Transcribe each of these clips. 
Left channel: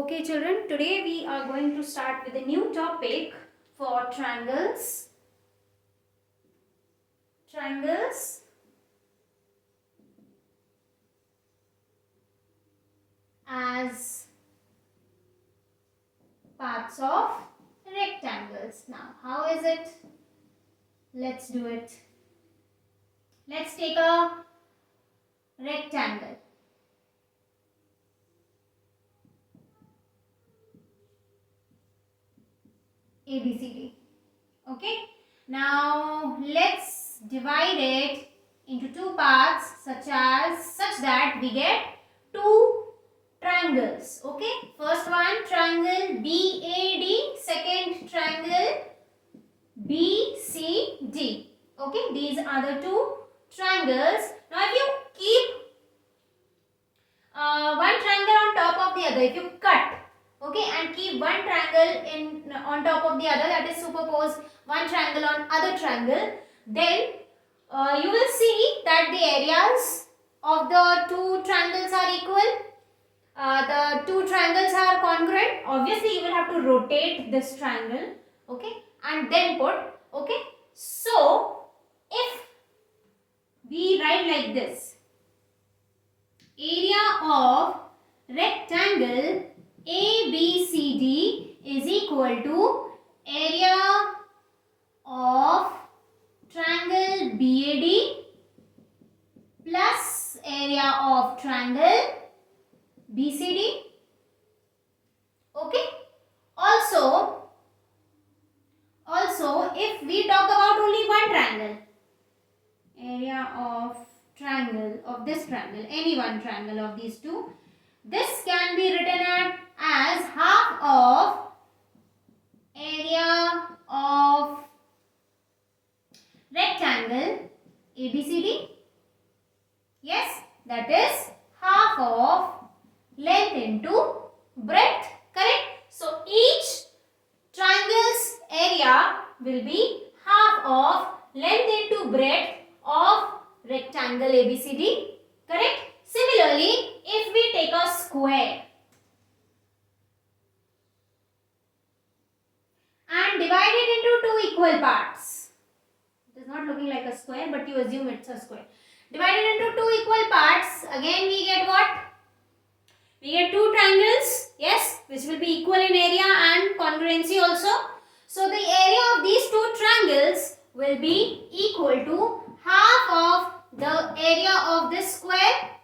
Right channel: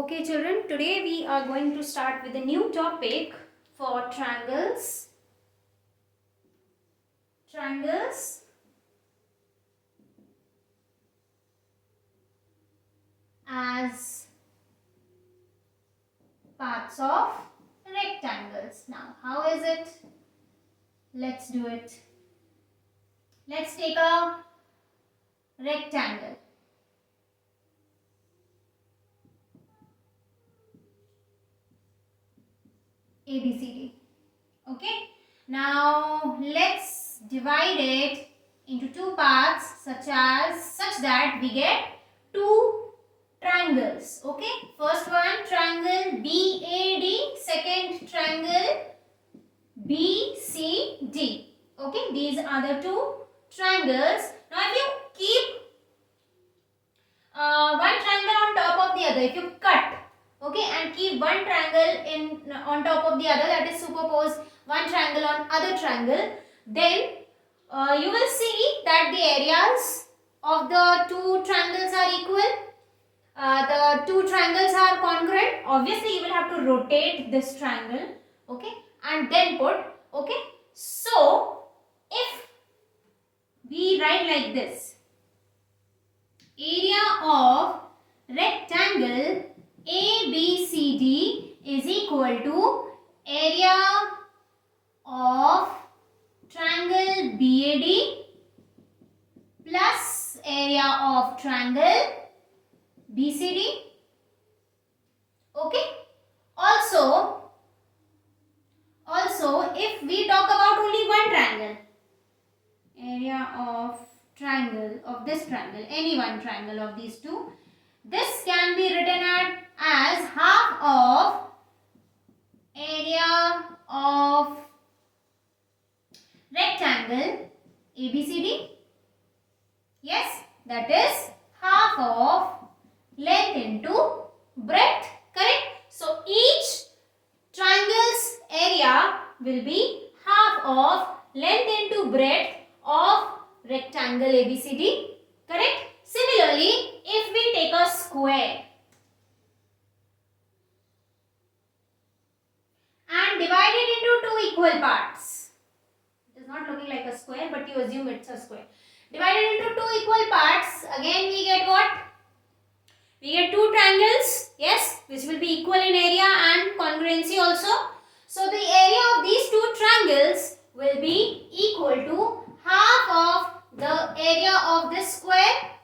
Okay children, today we are going to start with a new topic for triangles. Triangles as parts of rectangles. Now, how is it? Let's do it. Let's take a rectangle. ABCD. Okay. Now, let's divide it into two parts such that we get two triangles. Okay. First one triangle BAD, second triangle BCD. Okay. These are the two triangles. Now, if you keep one triangle on top of the other, if you cut, okay, and keep one triangle on top of the other, that is superpose one triangle on other triangle, then you will see that the areas of the two triangles are equal. The two triangles are congruent. Obviously, you will have to rotate this triangle, okay, and then put, okay. So, if we write like this, area of rectangle ABCD is equal to area of triangle BAD plus area of triangle BCD. Okay. Also, if we talk about only one triangle, area of triangle of this triangle, any one triangle of these two, this can be written as half of area of rectangle ABCD. Yes, that is half of length into breadth, correct? So each triangle's area will be half of length into breadth of rectangle ABCD, correct? Similarly, if we take a square and divide it into two equal parts, it is not looking like a square, but you assume it's a square. Divided into two equal parts, again we get what? We get two triangles, yes, which will be equal in area and congruency also. So the area of these two triangles will be equal to half of the area of this square.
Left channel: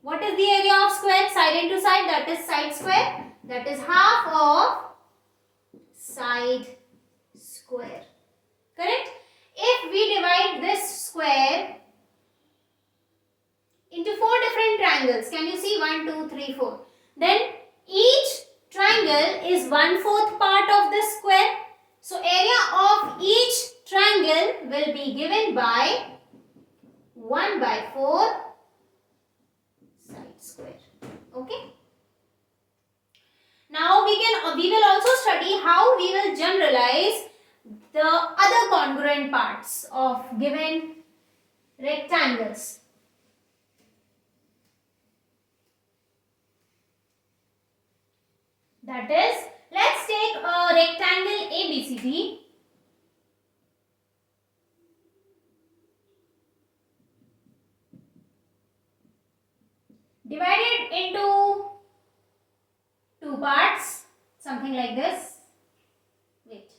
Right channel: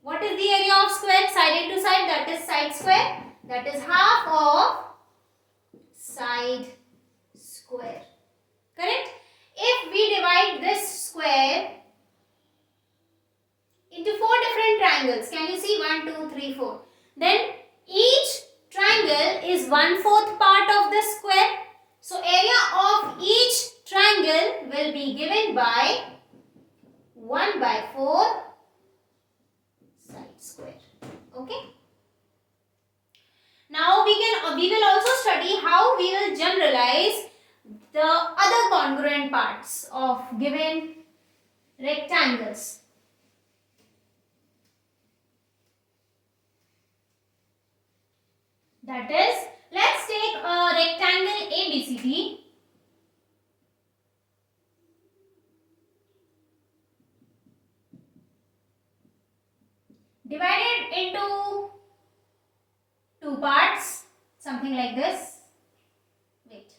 What is the area of square? Side into side, that is side square. That is half of side square. Correct? If we divide this square into four different triangles, can you see? 1, 2, 3, 4. Then each triangle is 1/4 part of this square. So area of each triangle will be given by 1/4 side square. Okay. Now we will also study how we will generalize the other congruent parts of given rectangles. That is, let's take a rectangle ABCD. Divided into two parts, something like this. Wait.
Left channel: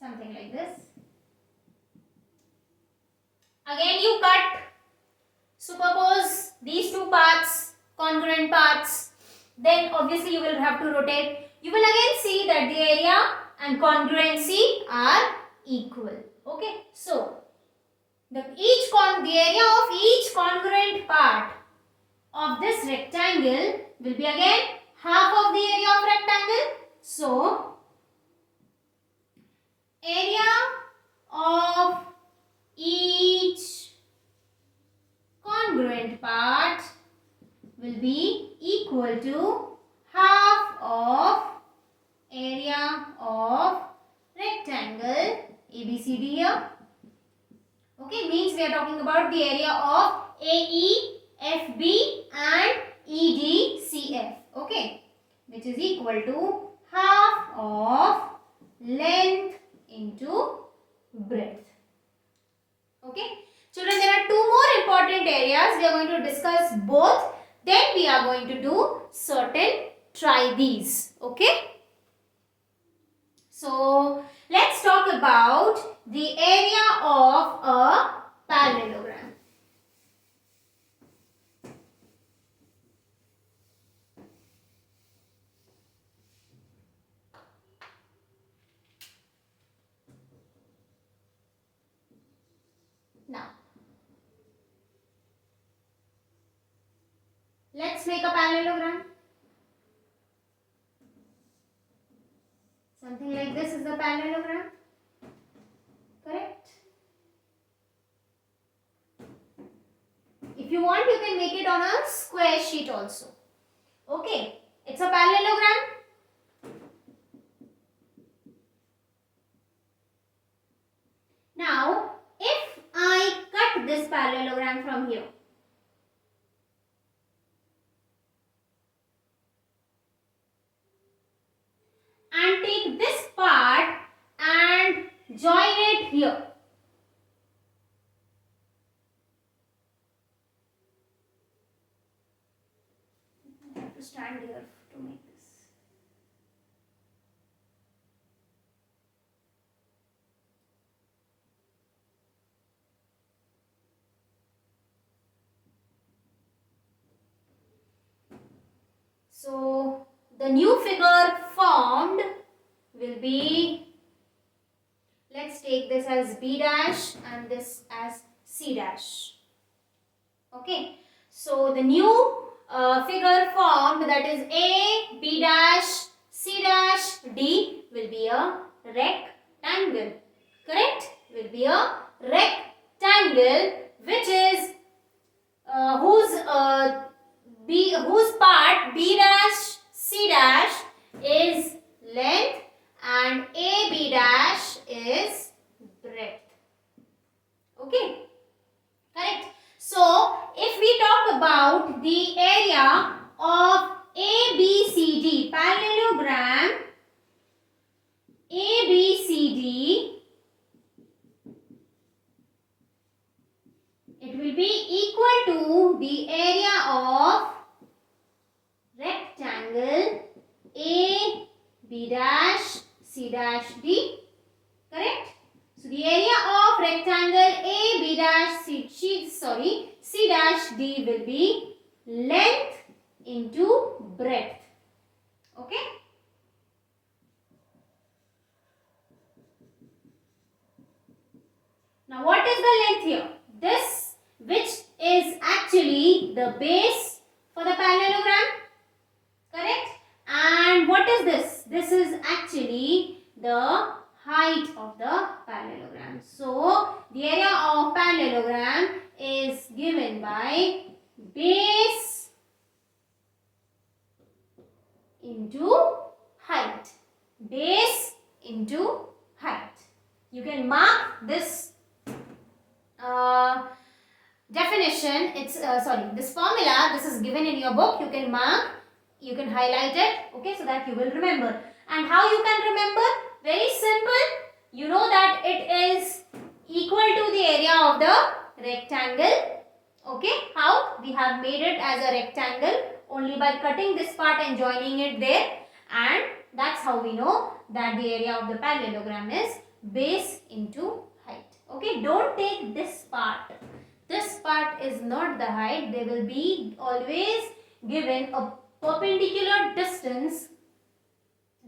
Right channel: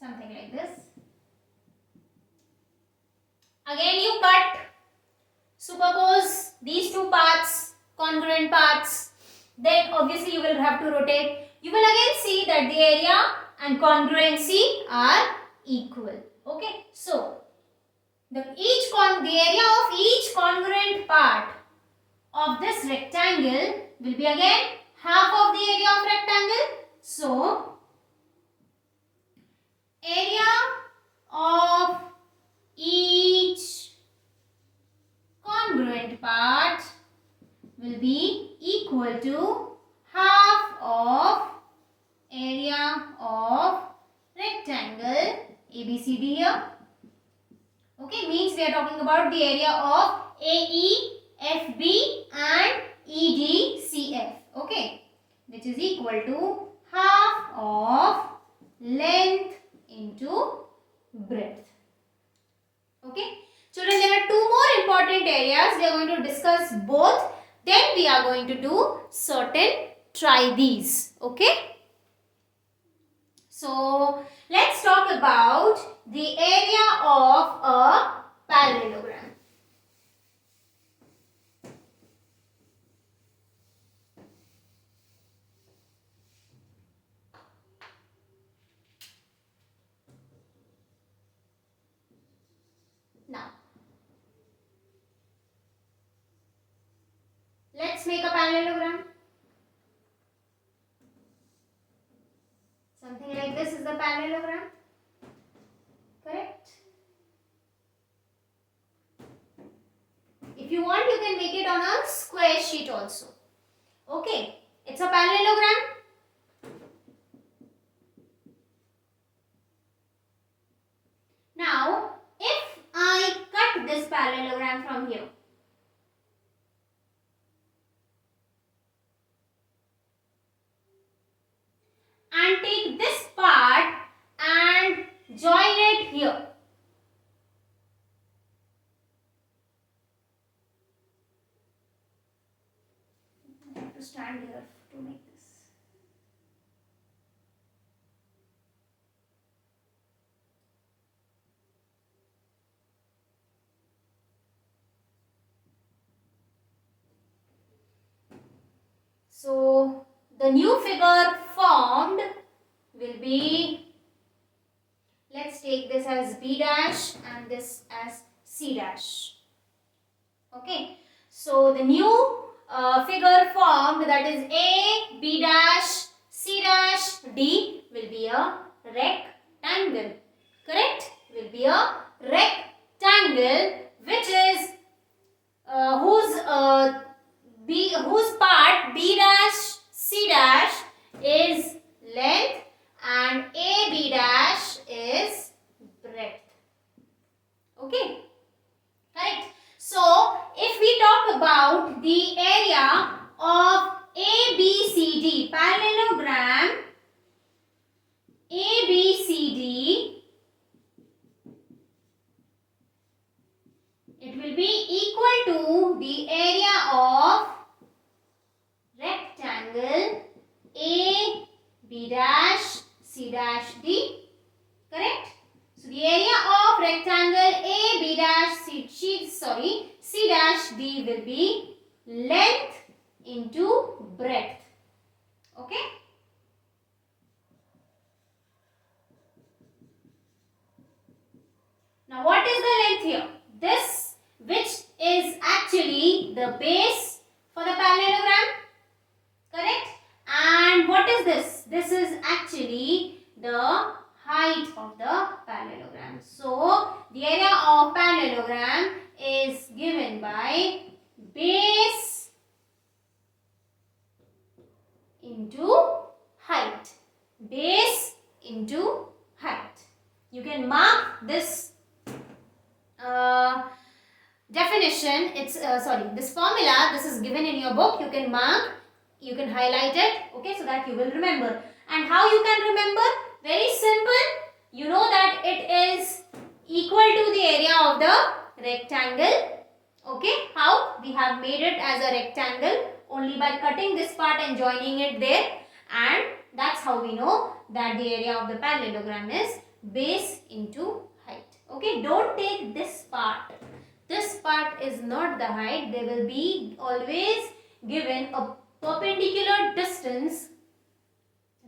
Something like this. Again you cut, superpose these two parts, congruent parts, then obviously you will have to rotate. You will again see that the area and congruency are equal. Okay, so the area of each congruent part of this rectangle will be again half of the area of rectangle. So area of each congruent part will be equal to half of area of rectangle ABCD here. Okay, means we are talking about the area of AEFB and EDCF. Okay, which is equal to half of length into breadth. Okay, children, there are two more important areas. We are going to discuss both. Then we are going to do certain try these. Okay. So let's talk about the area of a parallelogram. Now, let's make a parallelogram. Something like this is the parallelogram. Correct? If you want, you can make it on a square sheet also. Okay, it's a parallelogram. Now, if I cut this parallelogram from here, and take this part and join it here. I have to stand here to make this. So the new figure formed will be, let's take this as B dash and this as C dash. Okay, so the new figure formed, that is A, B dash, C dash, D, will be a rectangle. Correct? Will be a rectangle which is whose part B dash C dash is length and AB dash is breadth. Okay, correct. So if we talk about the area of ABCD parallelogram, ABCD, it will be equal to the area of rectangle A, B dash, C dash, D. Correct? So the area of rectangle A, B dash, C dash, D will be length into breadth. Okay? Now what is the length here? This, which is actually the base for the parallelogram. Correct? And what is this? This is actually the height of the parallelogram. So the area of parallelogram is given by base into height. Base into height. You can mark this definition. It's this formula. This is given in your book. You can mark. You can highlight it. Okay, so that you will remember. And how you can remember? Very simple. You know that it is equal to the area of the rectangle. Okay, how? We have made it as a rectangle only by cutting this part and joining it there. And that's how we know that the area of the parallelogram is base into height. Okay, don't take this part. This part is not the height. They will be always given a perpendicular distance,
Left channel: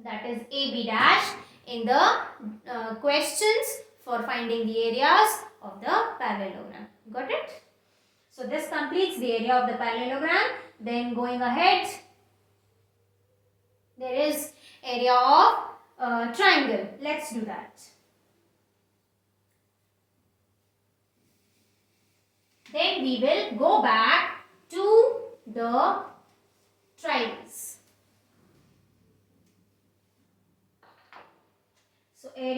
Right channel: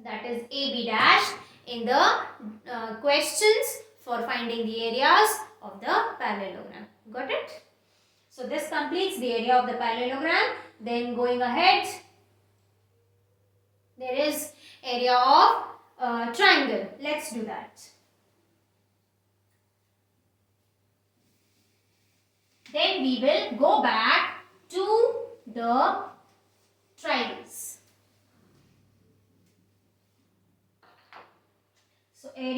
that is AB dash, in the questions for finding the areas of the parallelogram. Got it? So this completes the area of the parallelogram. Then going ahead, there is area of triangle. Let's do that. Then we will go back to the triangles.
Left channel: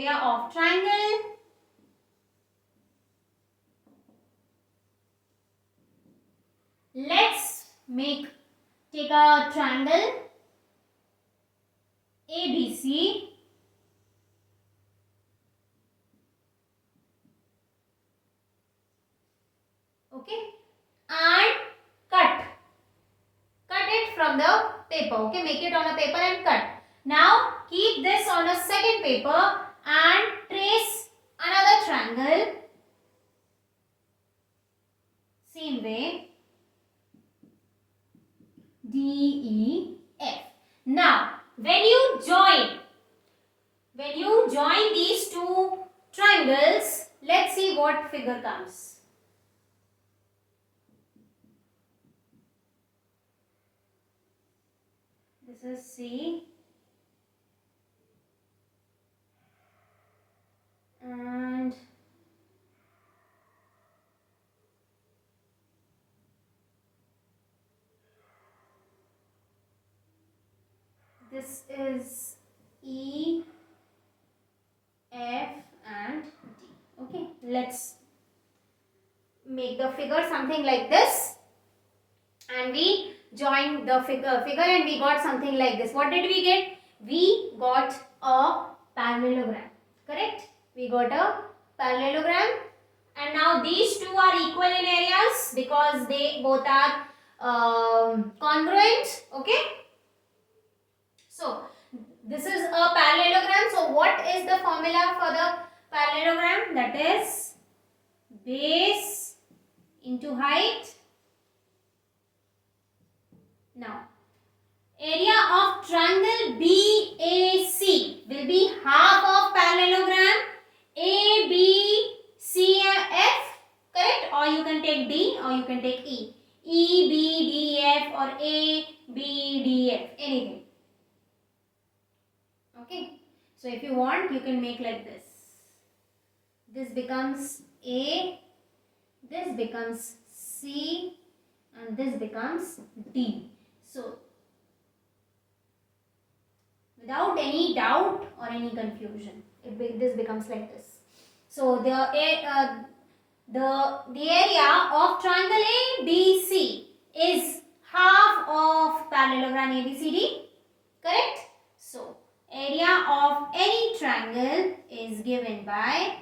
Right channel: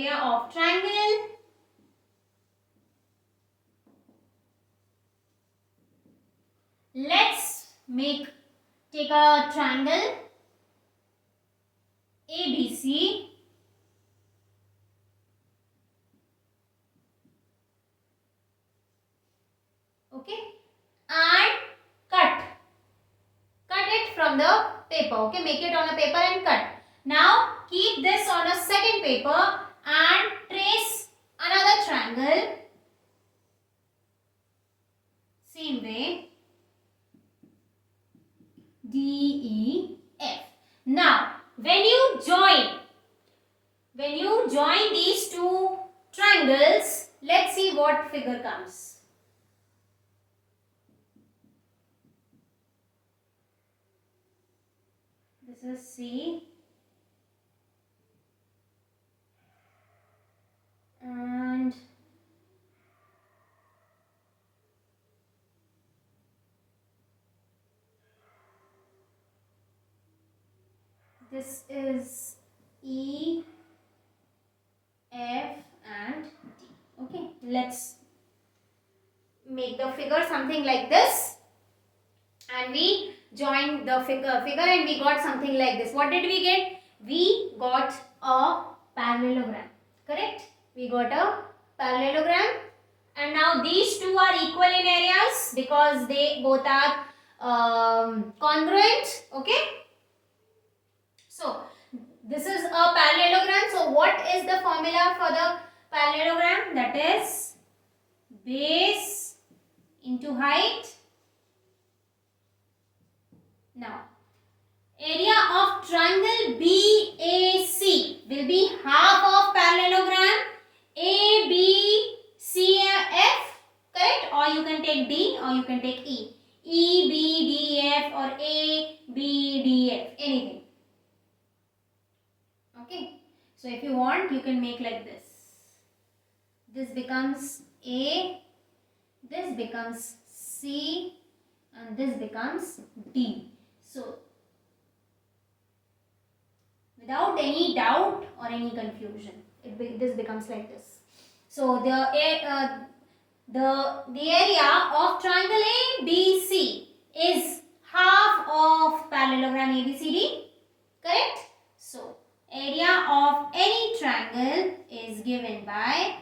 area of triangle. Let's take a triangle ABC. Okay, and cut it from the paper. Okay, make it on a paper and cut. Now keep this on a second paper and trace another triangle. Same way, DEF. Now when you join these two triangles, let's see what figure comes. This is C and this is E, F and D. Okay, let's make the figure something like this, and we joined the figure and we got something like this. What did we get? We got a parallelogram, correct? We got a parallelogram, and now these two are equal in areas because they both are congruent. Okay, so this is a parallelogram. So what is the formula for the parallelogram? That is base into height. Now area of triangle BAC will be half of parallelogram ABCF, correct? Or you can take D or you can take E. EBDF or ABDF, anything. Okay, so if you want, you can make like this. This becomes A, this becomes C, and this becomes D. So without any doubt or any confusion, this becomes like this. So the area of triangle ABC is half of parallelogram ABCD, correct? So area of any triangle is given by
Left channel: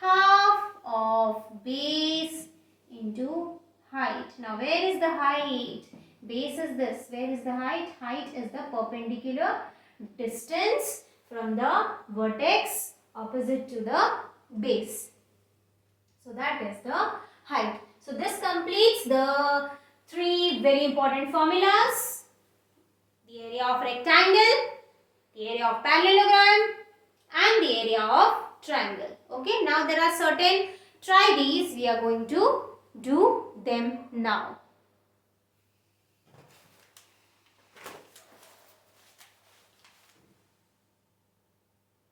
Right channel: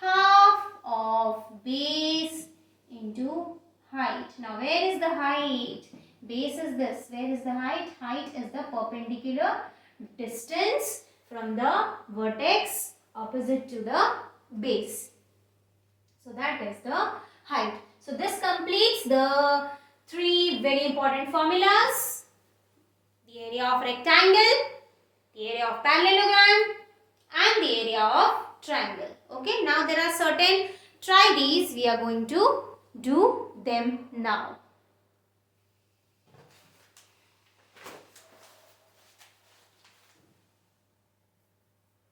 half of base into height. Now where is the height? Base is this. Where is the height? Height is the perpendicular distance from the vertex opposite to the base. So that is the height. So this completes the three very important formulas. The area of rectangle, the area of parallelogram and the area of triangle. Okay, now there are certain, try these, we are going to do them now.